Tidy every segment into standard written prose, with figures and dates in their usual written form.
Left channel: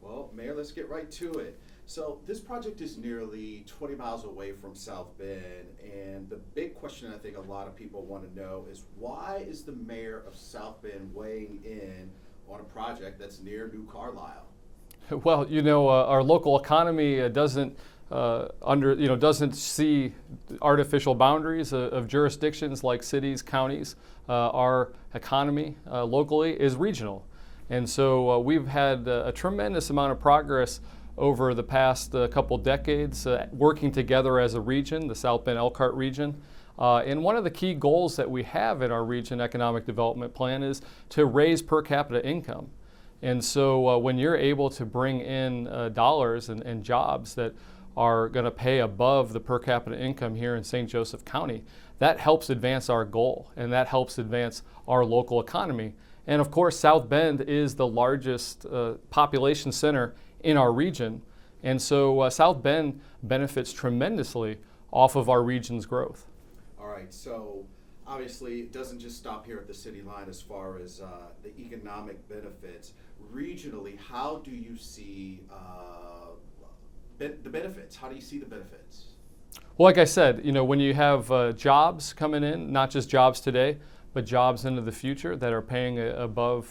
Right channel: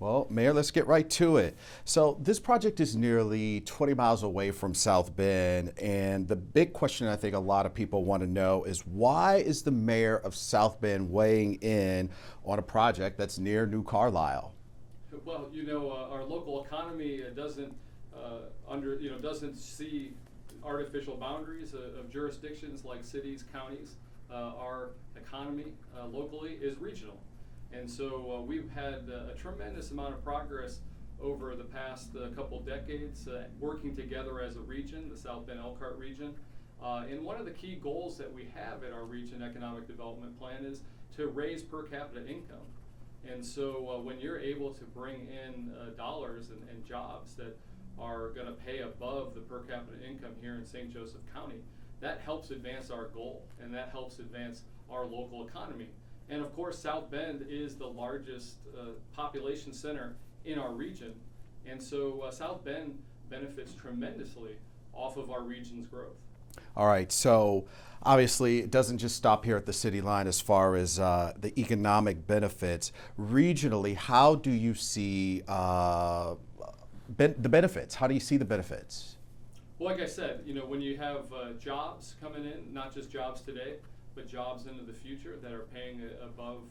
Well, Mayor, let's get right to it. So this project is nearly 20 miles away from South Bend, and the big question I think a lot of people want to know is why is the mayor of South Bend weighing in on a project that's near New Carlisle? Well, our local economy doesn't doesn't see artificial boundaries of jurisdictions like cities, counties. Our economy locally is regional. And so we've had a tremendous amount of progress over the past couple decades working together as a region, the South Bend Elkhart region. And one of the key goals that we have in our region economic development plan is to raise per capita income. And so when you're able to bring in dollars and jobs that are going to pay above the per capita income here in St. Joseph County, that helps advance our goal and that helps advance our local economy. And of course, South Bend is the largest population center in our region. And so South Bend benefits tremendously off of our region's growth. All right, so obviously it doesn't just stop here at the city line as far as the economic benefits. Regionally, how do you see the benefits? How do you see the benefits? Well, like I said, when you have jobs coming in, not just jobs today, but jobs into the future that are paying above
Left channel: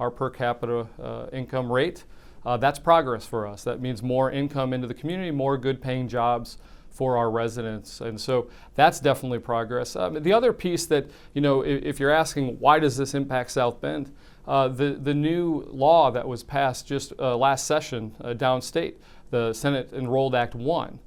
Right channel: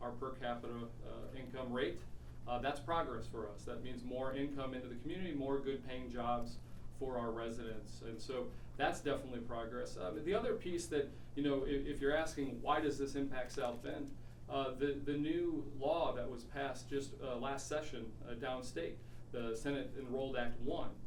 our per capita income rate, that's progress for us. That means more income into the community, more good paying jobs for our residents. And so that's definitely progress. The other piece that, if you're asking why does this impact South Bend, the new law that was passed just last session downstate, the Senate Enrolled Act 1,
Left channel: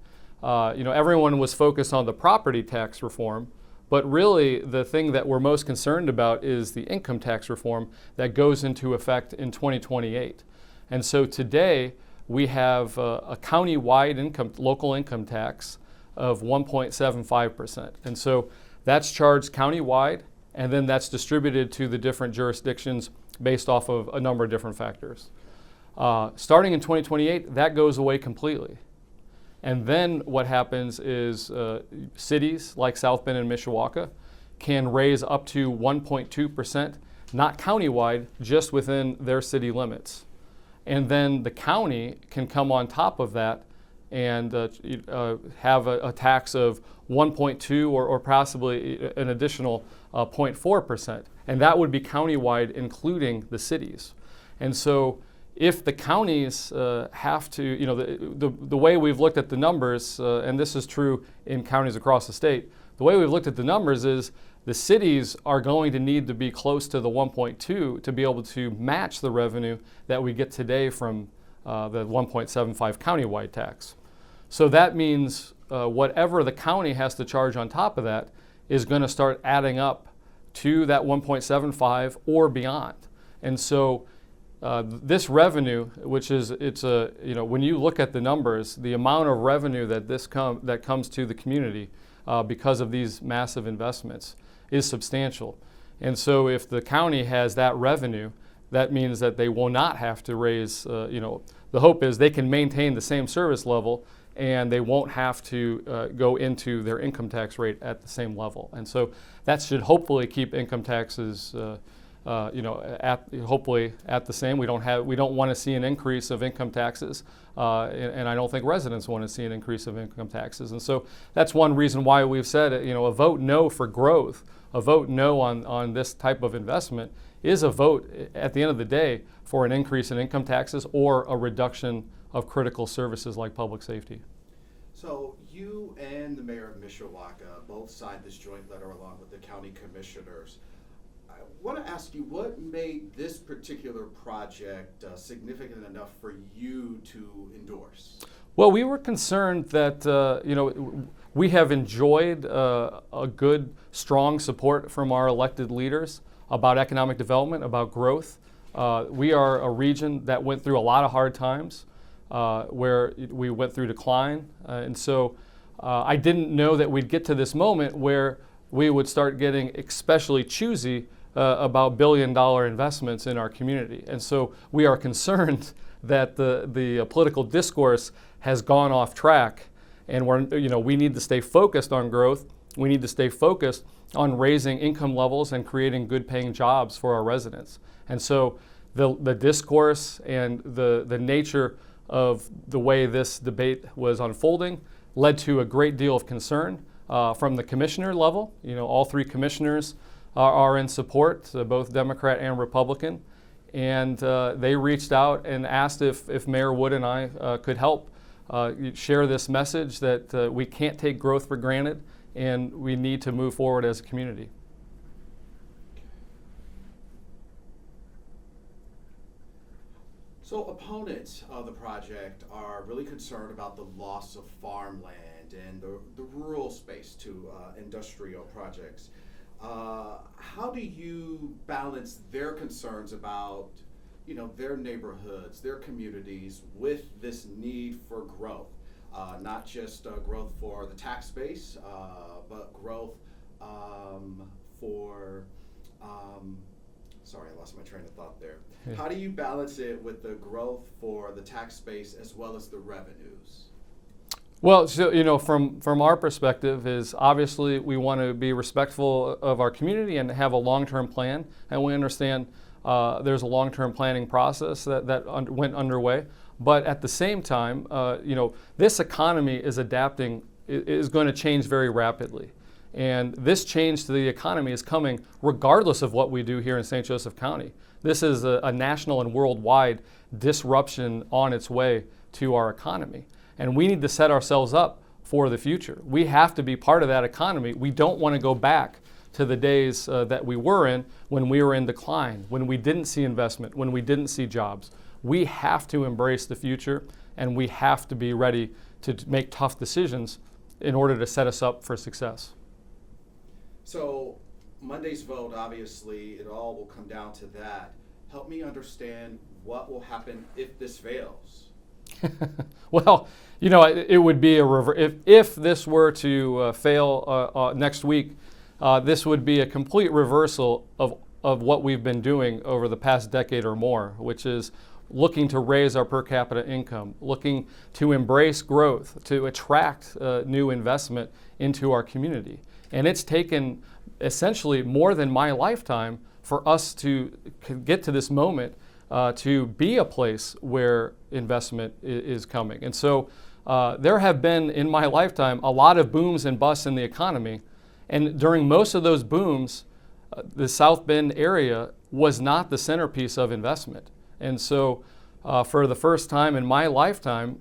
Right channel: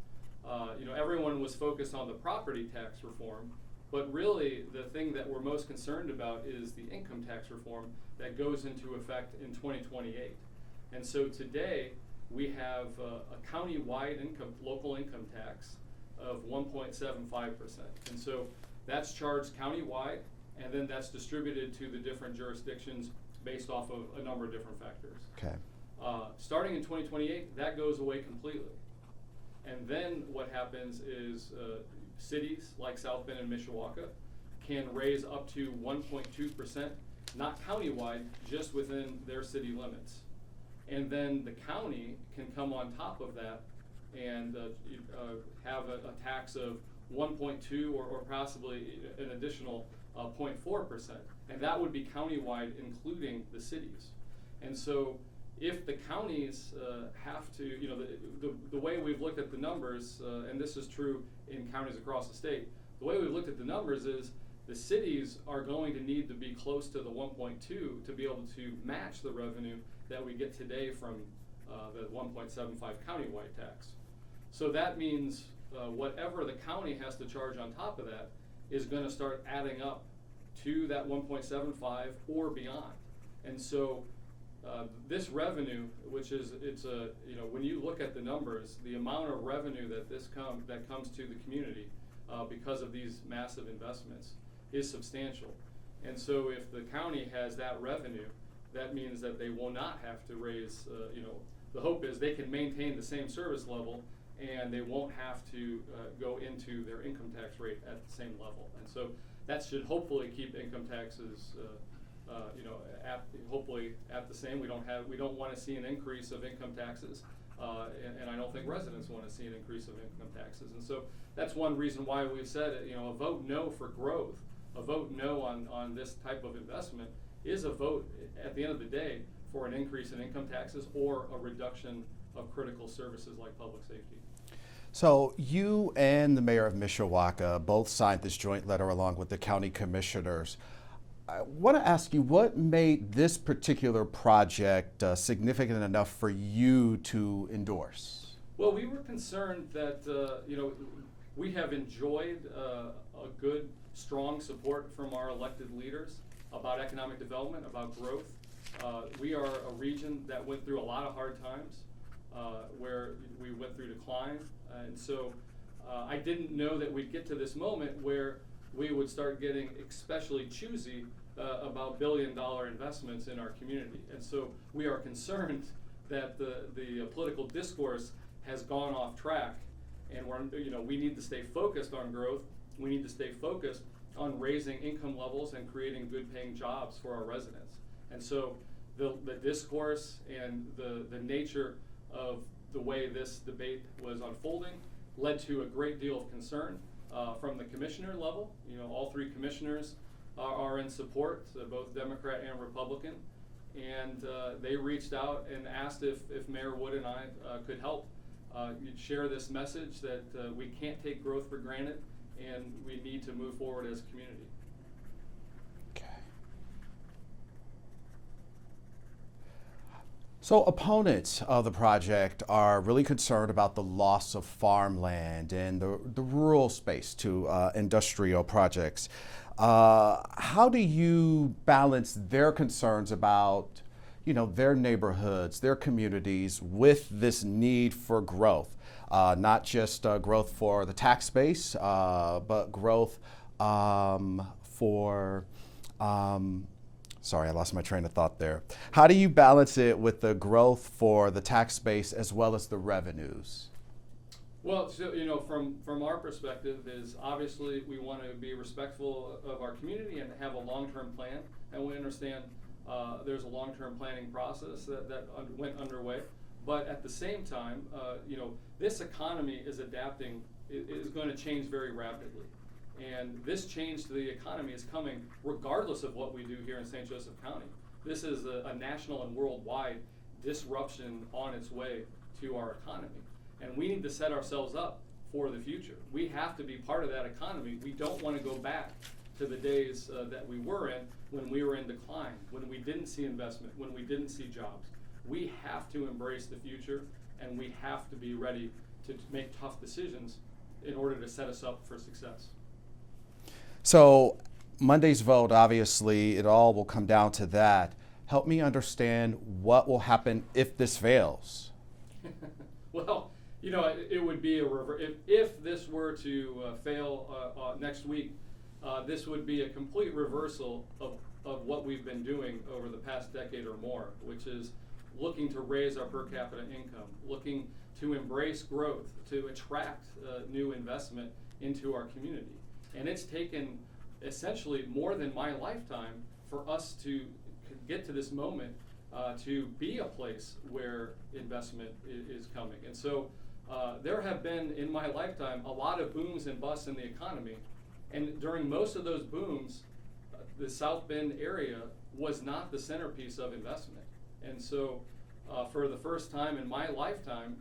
everyone was focused on the property tax reform. But really, the thing that we're most concerned about is the income tax reform that goes into effect in 2028. And so today, we have a county-wide local income tax of 1.75%. And so that's charged county-wide, and then that's distributed to the different jurisdictions based off of a number of different factors. Okay. Starting in 2028, that goes away completely. And then what happens is cities like South Bend and Mishawaka can raise up to 1.2%, not countywide, just within their city limits. And then the county can come on top of that and have a tax of 1.2 or possibly an additional 0.4%. And that would be countywide, including the cities. And so if the counties have to, the way we've looked at the numbers, and this is true in counties across the state, the way we've looked at the numbers is the cities are going to need to be close to the 1.2 to be able to match the revenue that we get today from the 1.75 countywide tax. So that means whatever the county has to charge on top of that is going to start adding up to that 1.75 or beyond. And so this revenue, which is, when you look at the numbers, the amount of revenue that comes to the community because of these massive investments is substantial. And so if the county has that revenue, that means that they will not have to raise, the hope is they can maintain the same service level and they won't have to go into their income tax rate at the same level. And so that should hopefully keep income taxes hopefully at the same. We don't want to see an increase of income taxes, and I don't think residents want to see an increase of income taxes. And so that's one reason why we've said, a vote no for growth, a vote no on this type of investment is a vote at the end of the day for an increase in income taxes or a reduction of critical services like public safety. So you and the mayor of Mishawaka both signed this joint letter along with the county commissioners. I want to ask you, what made this particular project significant enough for you to endorse? Well, we were concerned that we have enjoyed a good, strong support from our elected leaders about economic development, about growth. We are a region that went through a lot of hard times, where we went through decline, and so I didn't know that we'd get to this moment where we would start getting especially choosy about billion-dollar investments in our community. And so we are concerned that the political discourse has gone off track, and we need to stay focused on growth. We need to stay focused on raising income levels and creating good-paying jobs for our residents. And so the discourse and the nature of the way this debate was unfolding led to a great deal of concern from the commissioner level. All three commissioners are in support, both Democrat and Republican, and they reached out and asked if Mayor Wood and I could help share this message that we can't take growth for granted and we need to move forward as a community. So opponents of the project are really concerned about the loss of farmland and the rural space to industrial projects. How do you balance their concerns about, their neighborhoods, their communities with this need for growth? Not just growth for the tax base, but growth for sorry, I lost my train of thought there. How do you balance it with the growth for the tax base as well as the revenues? Well, so, from our perspective is obviously we want to be respectful of our community and have a long-term plan, and we understand there's a long-term planning process that went underway. But at the same time, this economy is adapting, is going to change very rapidly. And this change to the economy is coming regardless of what we do here in St. Joseph County. This is a national and worldwide disruption on its way to our economy. And we need to set ourselves up for the future. We have to be part of that economy. We don't want to go back to the days that we were in when we were in decline, when we didn't see investment, when we didn't see jobs. We have to embrace the future, and we have to be ready to make tough decisions in order to set us up for success. So Monday's vote, obviously, it all will come down to that. Help me understand what will happen if this fails. Well, it would be if this were to fail next week, this would be a complete reversal of what we've been doing over the past decade or more, which is looking to raise our per capita income, looking to embrace growth, to attract new investment into our community. And it's taken essentially more than my lifetime for us to get to this moment to be a place where investment is coming. And so there have been, in my lifetime, a lot of booms and busts in the economy. And during most of those booms, the South Bend area was not the centerpiece of investment. And so for the first time in my lifetime,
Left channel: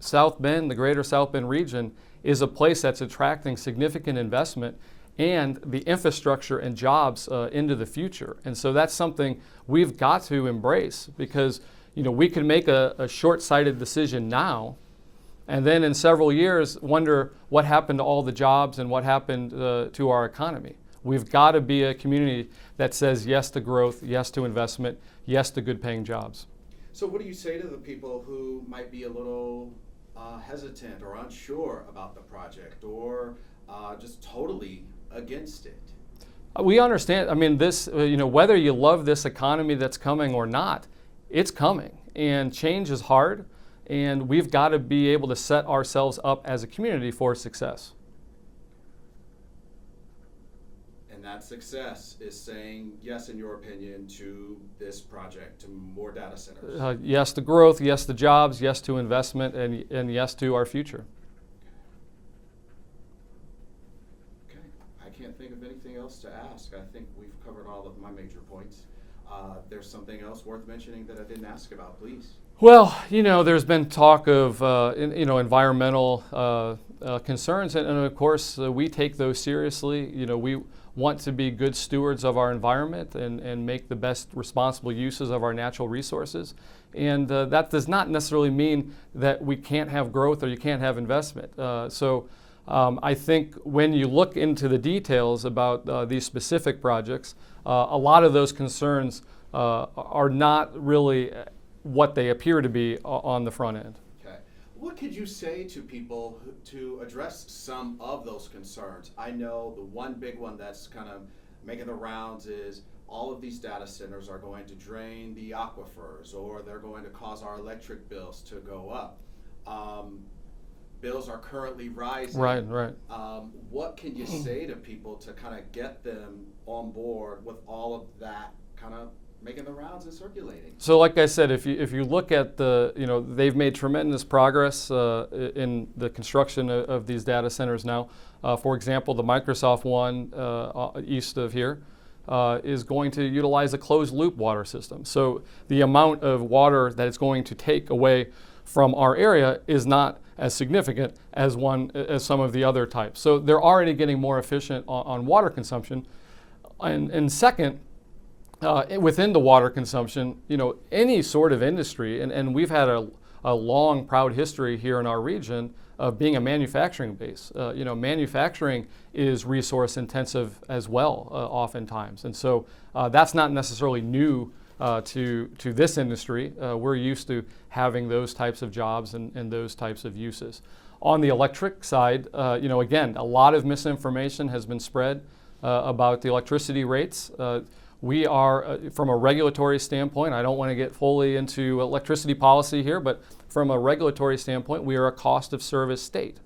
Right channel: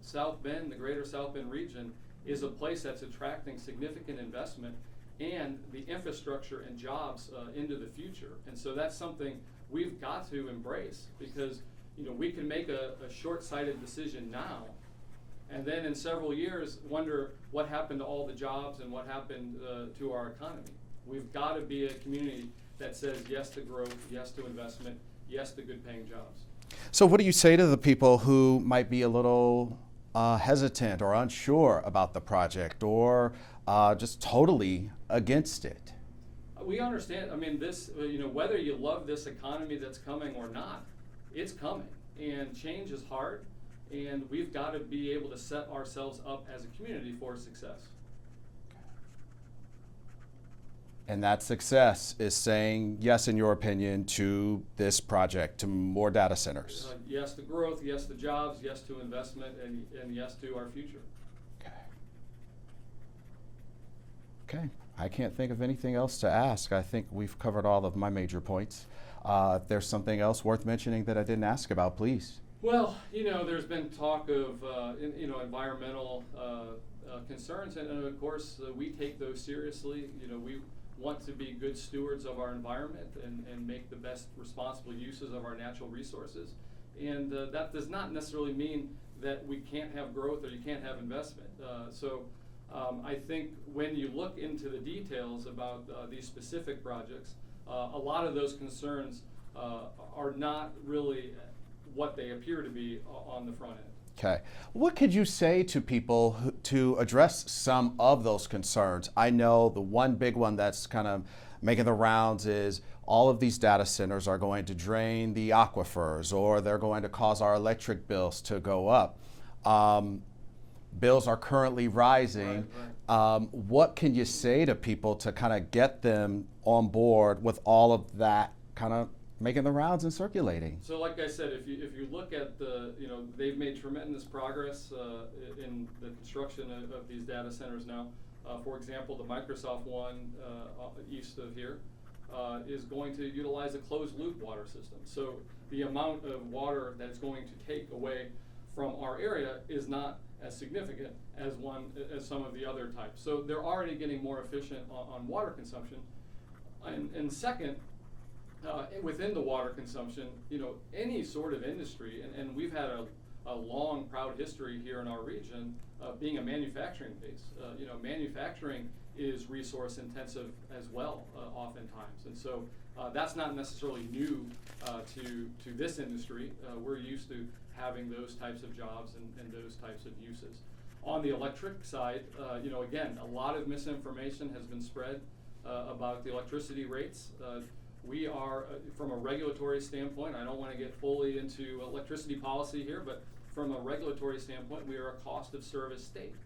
South Bend, the greater South Bend region, is a place that's attracting significant investment and the infrastructure and jobs into the future. And so that's something we've got to embrace, because we can make a short-sighted decision now and then in several years wonder what happened to all the jobs and what happened to our economy. We've got to be a community that says yes to growth, yes to investment, yes to good-paying jobs. So what do you say to the people who might be a little hesitant or unsure about the project, or just totally against it? We understand. I mean, this, whether you love this economy that's coming or not, it's coming, and change is hard, and we've got to be able to set ourselves up as a community for success. And that success is saying yes, in your opinion, to this project, to more data centers. Yes to growth, yes to jobs, yes to investment, and yes to our future. Okay. I can't think of anything else to ask. I think we've covered all of my major points. If there's something else worth mentioning that I didn't ask about, please. Well, there's been talk of environmental concerns, and of course we take those seriously. We want to be good stewards of our environment and make the best responsible uses of our natural resources. And that does not necessarily mean that we can't have growth or you can't have investment. I think when you look into the details about these specific projects, a lot of those concerns are not really what they appear to be on the front end. Okay. What could you say to people to address some of those concerns? I know the one big one that's kind of making the rounds is all of these data centers are going to drain the aquifers, or they're going to cause our electric bills to go up. Bills are currently rising. Right. What can you say to people to kind of get them on board with all of that kind of making the rounds and circulating. So like I said, if you look at they've made tremendous progress in the construction of these data centers now. For example, the Microsoft one east of here is going to utilize a closed loop water system. So the amount of water that it's going to take away from our area is not as significant as some of the other types. So they're already getting more efficient on water consumption. And second, within the water consumption, any sort of industry, and we've had a long, proud history here in our region of being a manufacturing base. Manufacturing is resource intensive as well, oftentimes. And so that's not necessarily new to this industry. We're used to having those types of jobs and those types of uses. On the electric side, again, a lot of misinformation has been spread about the electricity rates. We are, from a regulatory standpoint, I don't want to get fully into electricity policy here, but from a regulatory standpoint, we are a cost of service state.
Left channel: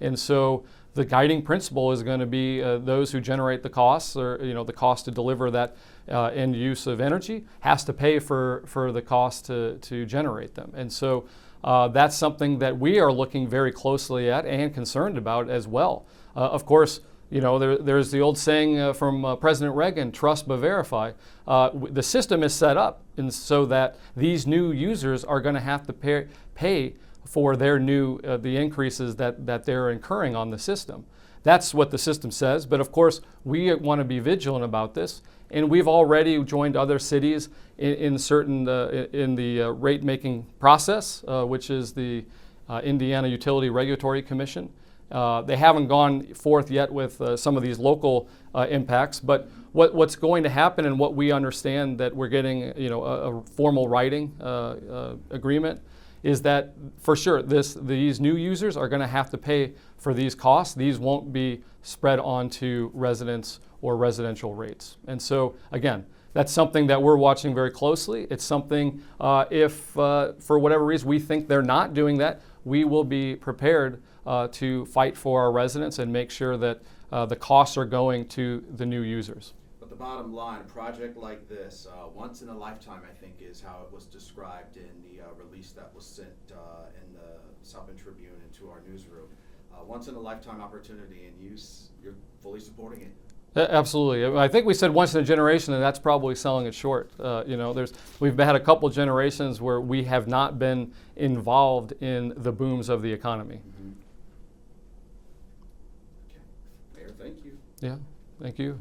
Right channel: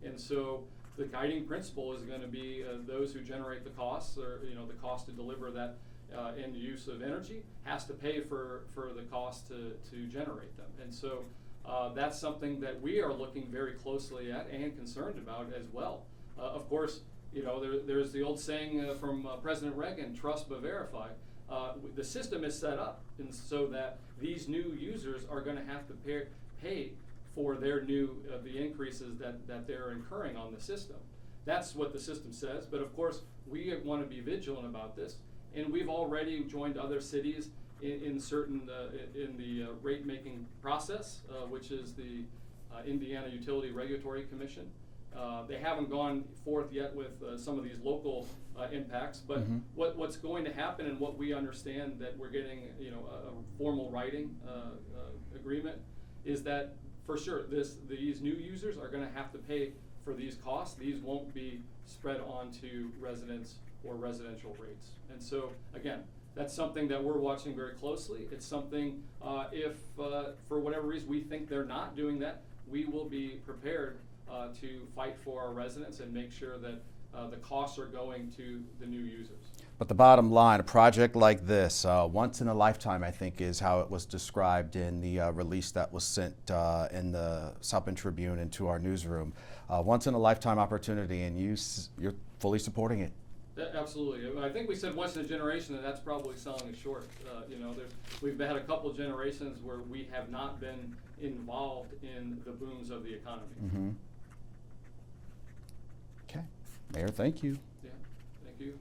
And so the guiding principle is going to be those who generate the costs, or the cost to deliver that end use of energy, has to pay for the cost to generate them. And so that's something that we are looking very closely at and concerned about as well. Of course, there's the old saying from President Reagan, trust but verify. The system is set up so that these new users are going to have to pay for their the increases that they're incurring on the system. That's what the system says, but of course we want to be vigilant about this, and we've already joined other cities in the rate making process, which is the Indiana Utility Regulatory Commission. They haven't gone forth yet with some of these local impacts, but what's going to happen, and what we understand that we're getting a formal writing agreement, is that for sure these new users are going to have to pay for these costs. These won't be spread onto residents or residential rates. And so again, that's something that we're watching very closely. It's something, if for whatever reason we think they're not doing that, we will be prepared to fight for our residents and make sure that the costs are going to the new users. But the bottom line, a project like this, once in a lifetime, I think, is how it was described in the release that was sent in the South Bend Tribune into our newsroom. Once in a lifetime opportunity, and you're fully supporting it. Absolutely. I think we said once in a generation, and that's probably selling it short. We've had a couple generations where we have not been involved in the booms of the economy. Okay, Mayor, thank you. Yeah, thank you.